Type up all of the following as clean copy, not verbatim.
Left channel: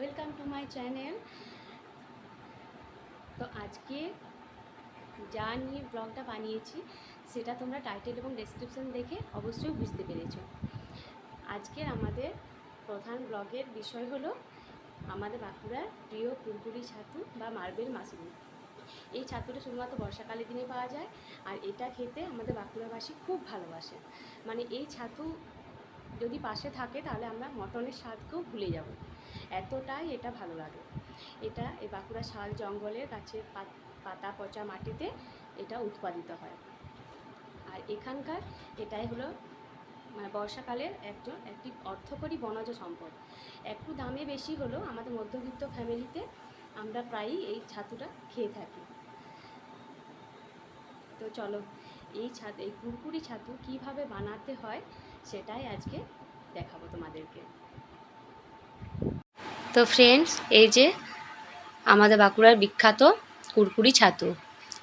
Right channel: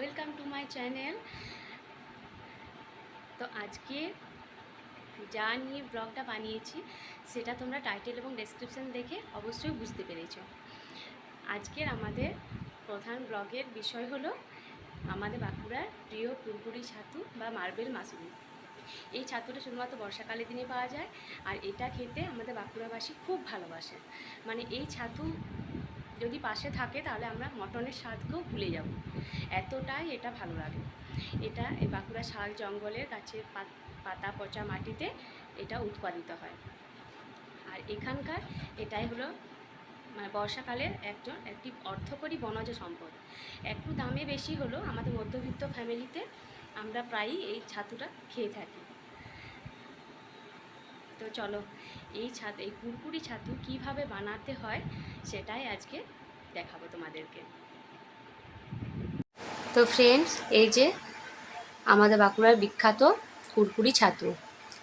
Welcome to my channel. তো আজকে যা নিয়ে ব্লগটা বানিয়েছি সেটা তোমরা টাইটেল এবং ডেসক্রিপশন দেখে অবশ্যই বুঝতে পেরেছো। আজকের আমাদের প্রধান ব্লগের বিষয় হলো আমাদের বাঁকুড়ার প্রিয় কুরকুরি ছাতু বা মার্বেল মাশরুম। এই ছাতুটা শুধুমাত্র বর্ষাকালের দিনে পাওয়া যায়, আর এটা খেতে আমাদের বাঁকুড়াবাসী খুব ভালোবাসে। মানে এই ছাতু যদি পাশে থাকে তাহলে আমরা মটনের স্বাদকেও ভুলে যাব, এতটাই এটা ভালো লাগে। এটা এই বাঁকুড়া শাল জঙ্গলের গাছের পাতা পচা মাটিতে এটা উৎপাদিত হয়। আর এখানকার এটাই হলো মানে বর্ষাকালের একটি অর্থকরী বনজ সম্পদ। একটু দামে বেশি হলো আমাদের মধ্যবিত্ত ফ্যামিলিতে আমরা প্রায়ই এই ছাতুটা খেয়ে থাকি। তো চলো এই কুরকুরি ছাতু কিভাবে বানাতে হয় সেটাই আজকে দেখাবো তোমাদেরকে। তো ফ্রেন্ডস, এই যে আমাদের বাঁকুড়ার বিখ্যাত কুরকুরি ছাতু,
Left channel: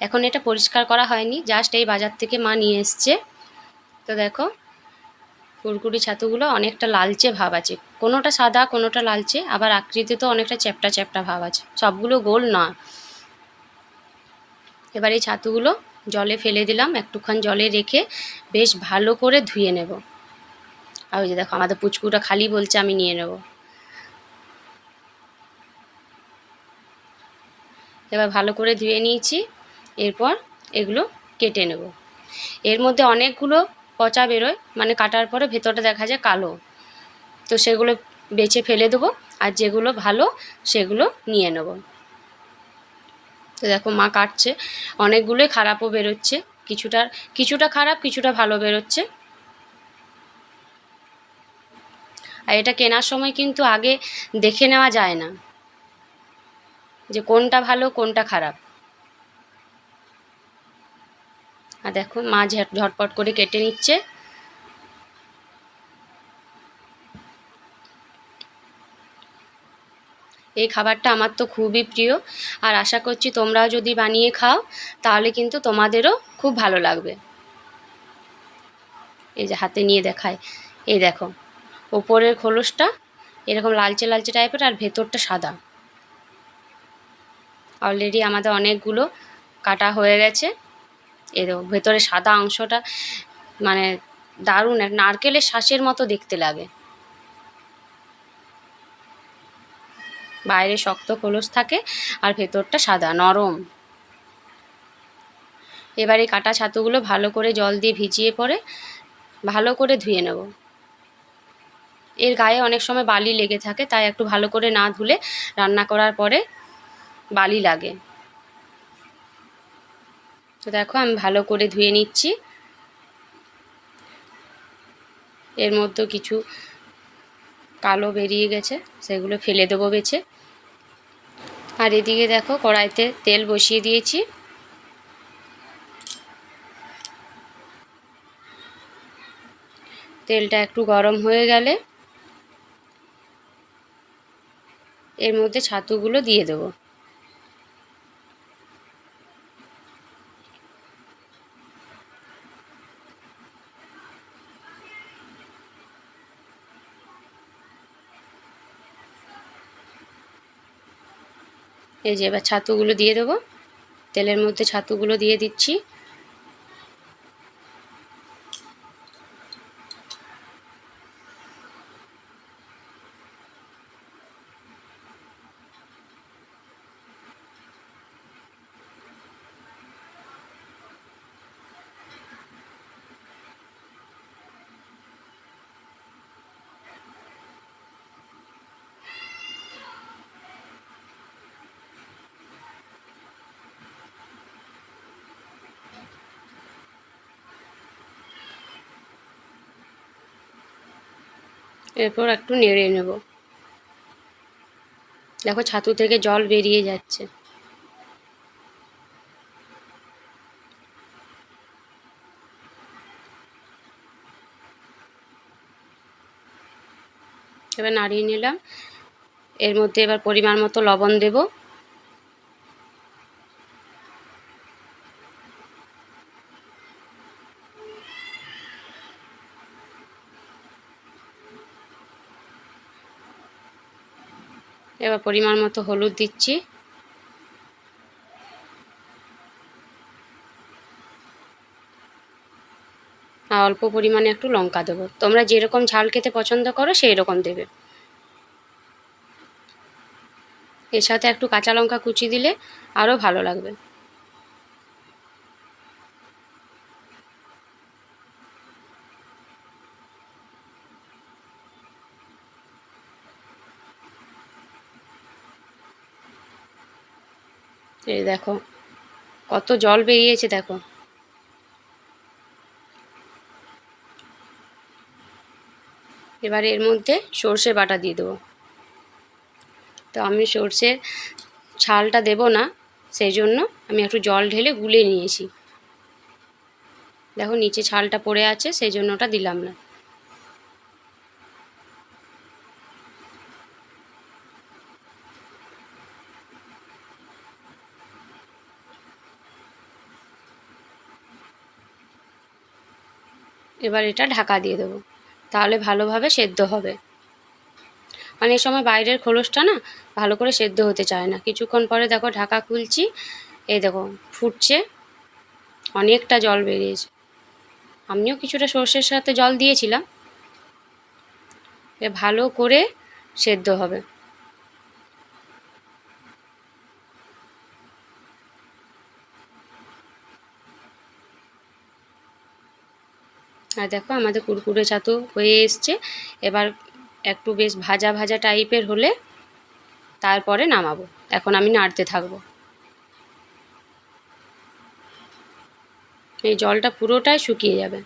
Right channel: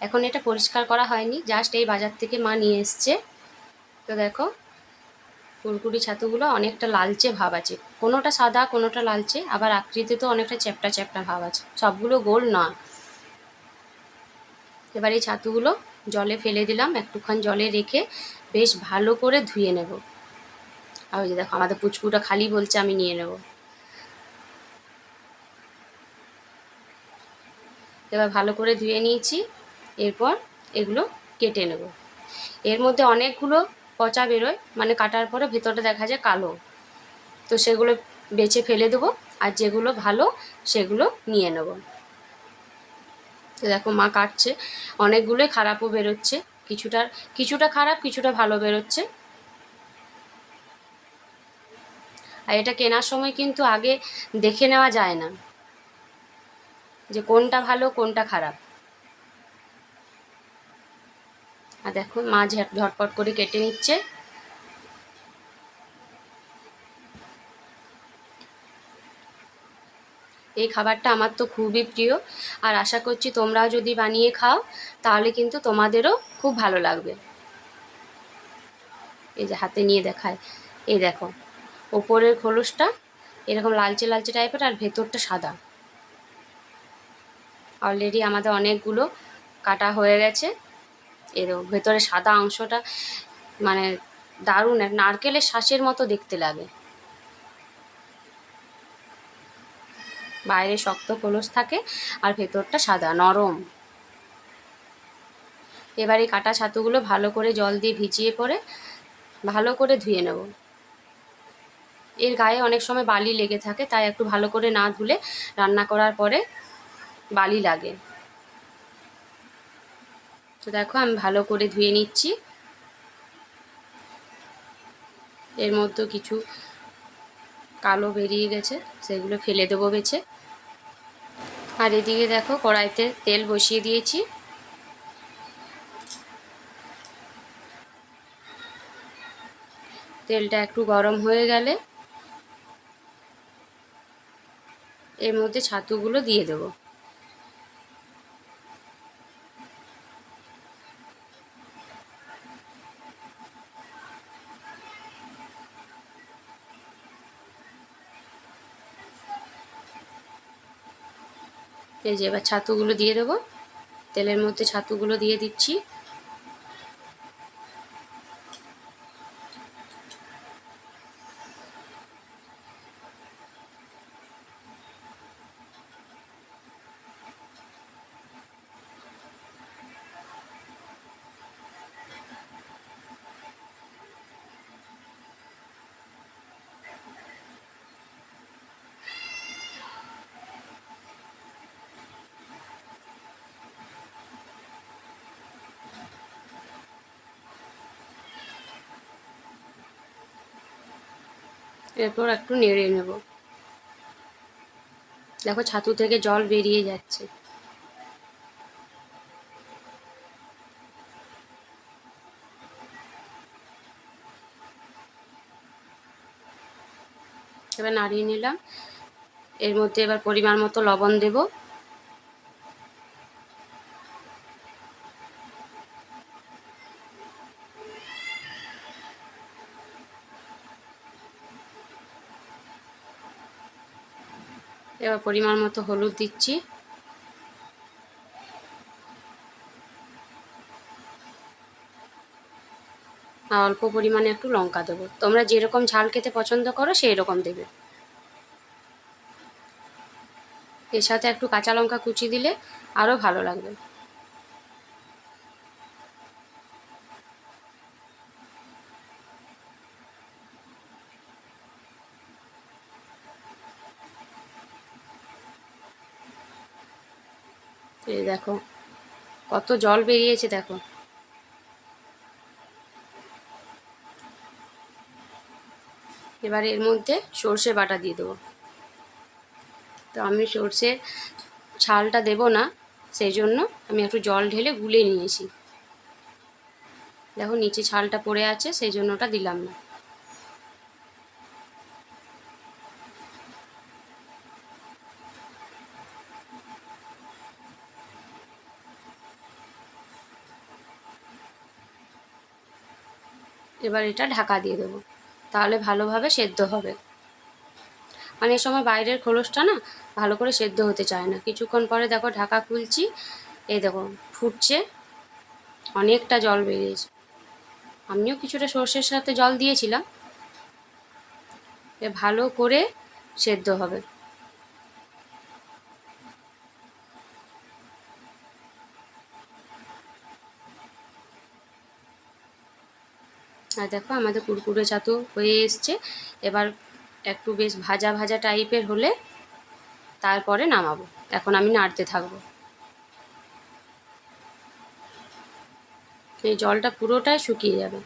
এখন এটা পরিষ্কার করা হয়নি, জাস্ট এই বাজার থেকে মা নিয়ে এসছে। তো দেখো কুরকুরি ছাতুগুলো অনেকটা লালচে ভাব আছে, কোনোটা সাদা কোনোটা লালচে, আবার আকৃতিতে অনেকটা চ্যাপ্টা চ্যাপ্টা ভাব আছে, সবগুলো গোল নয়। এবার এই ছাতুগুলো জলে ফেলে দিলাম, একটুক্ষণ জলে রেখে বেশ ভালো করে ধুয়ে নেব। আর ওই যে দেখো আমাদের পুচকুটা খালি বলছে আমি নিয়ে নেব। এবার ভালো করে ধুয়ে নিয়েছি, এরপর এগুলো কেটে নেব। এর মধ্যে অনেকগুলো পচা বেরোয়, মানে কাটার পরে ভেতরটা দেখা যায় কালো, তো সেগুলো বেছে ফেলে দেবো, আর যেগুলো ভালো সেগুলো নিয়ে নেব। তো দেখো মা কাটছে, অনেকগুলোই খারাপও বেরোচ্ছে, কিছুটা খারাপ কিছুটা ভালো বেরোচ্ছে। আর এটা কেনার সময় কিন্তু আগে দেখে নেওয়া যায় না যে কোনটা ভালো কোনটা খারাপ। আর দেখো মা ঝটপট করে কেটে নিচ্ছে। এই খাবারটা আমার তো খুবই প্রিয়, আর আশা করছি তোমরাও যদি বানিয়ে খাও তাহলে কিন্তু তোমাদেরও খুব ভালো লাগবে। এই যে হাতে নিয়ে দেখায়, এই দেখো ওপরের খোলসটা এরকম লালচে লালচে টাইপের, আর ভেতরটা সাদা। অলরেডি আমাদের অনেকগুলো কাটা হয়ে গেছে। এর ভেতরে সাদা অংশটা মানে দারুণ, এক নারকেলের শাঁসের মতো দেখতে লাগে। বাইরে শক্ত খোলস থাকে আর ভেতরটা সাদা নরম। এবার এই কাটা ছাতুগুলো ভালো করে জল দিয়ে ভিজিয়ে পরে ভালো করে ধুয়ে নেব। এর গায়ে অনেক সময় বালি লেগে থাকে, তাই একটু ভালো করে না ধুলে রান্না করার পরে বালি লাগে। তো দেখো আমি ভালো করে ধুয়ে নিচ্ছি। এর মধ্যে কিছু কালো বেরিয়ে গেছে, সেগুলো ফেলে দেবো বেছে। আর এদিকে দেখো কড়াইতে তেল বসিয়ে দিয়েছি। তেলটা একটু গরম হয়ে গেলে এর মধ্যে ছাতুগুলো দিয়ে দেবো। এই যে এবার ছাতুগুলো দিয়ে দেবো, তেলের মধ্যে ছাতুগুলো দিয়ে দিচ্ছি। এরপর একটু নেড়ে নেব। দেখো ছাতু থেকে জল বেরিয়ে যাচ্ছে। এবার নাড়িয়ে নিলাম, এর মধ্যে এবার পরিমাণ মতো লবণ দেব। এবার পরিমাণ মতো হলুদ দিচ্ছি, আর অল্প পরিমাণে একটু লঙ্কা দেবো। তোমরা যেরকম ঝাল খেতে পছন্দ করো সেই রকম দেবে। এর সাথে একটু কাঁচা লঙ্কা কুচি দিলে আরও ভালো লাগবে। এই দেখো কত জল বেরিয়েছে দেখো। এবার এর মধ্যে সর্ষে বাটা দিয়ে দেবো। তো আমি সর্ষের ছালটা দেব না, সেই জন্য আমি একটু জল ঢেলে গুলে নিয়েছি। দেখো নিচে ছালটা পড়ে আছে, সেই জন্য ওটা দিলাম না। এবার এটা ঢাকা দিয়ে দেবো, তাহলে ভালোভাবে সেদ্ধ হবে। অনেক সময় বাইরের খোলসটা না ভালো করে সেদ্ধ হতে চায় না। কিছুক্ষণ পরে দেখো ঢাকা খুলছি, এই দেখো ফুটছে, অনেকটা জল বেরিয়েছে। আমিও কিছুটা সর্ষের সাথে জল দিয়েছিলাম। ভালো করে সেদ্ধ হবে। আর দেখো আমাদের কুরকুরে ছাতু হয়ে এসছে। এবার একটু বেশ ভাজা ভাজা টাইপের হলে তারপরে নামাবো। এখন আমি নাড়তে থাকবো। এই জলটা পুরোটাই শুকিয়ে যাবে।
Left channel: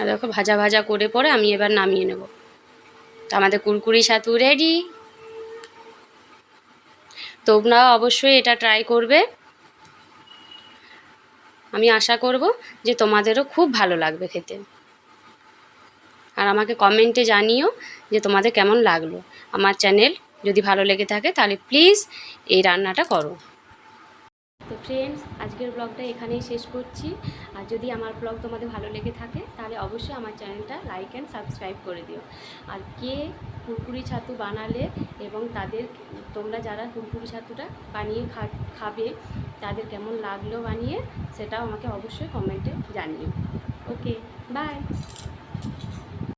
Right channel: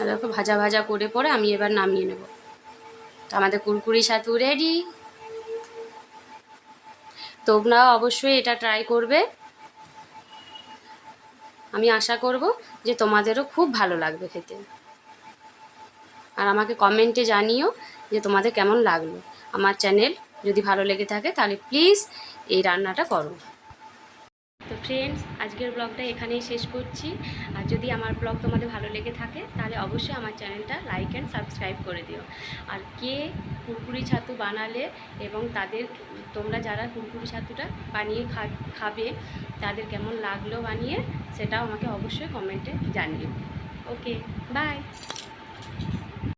আর দেখো ভাজা ভাজা করে পরে আমি এবার নামিয়ে নেব। তো আমাদের কুরকুরি ছাতু রেডি। তোমরাও অবশ্যই এটা ট্রাই করবে। আমি আশা করব যে তোমাদেরও খুব ভালো লাগবে খেতে। আর আমাকে কমেন্টে জানিও যে তোমাদের কেমন লাগলো। আমার চ্যানেল যদি ভালো লেগে থাকে তাহলে প্লিজ এই রান্নাটা করো। তো ফ্রেন্ডস, আজকের ব্লগটা এখানেই শেষ করছি। আর যদি আমার ব্লগ তোমাদের ভালো লেগে থাকে তাহলে অবশ্যই আমার চ্যানেলটা লাইক অ্যান্ড সাবস্ক্রাইব করে দিও। আর কে কুরকুরি ছাতু বানালে এবং তোমরা যারা কুরকুরি ছাতুটা বানিয়ে খাবে তাদের কেমন লাগলো বানিয়ে, সেটাও আমাকে অবশ্যই কমেন্টে জানিও। ওকে, বাই।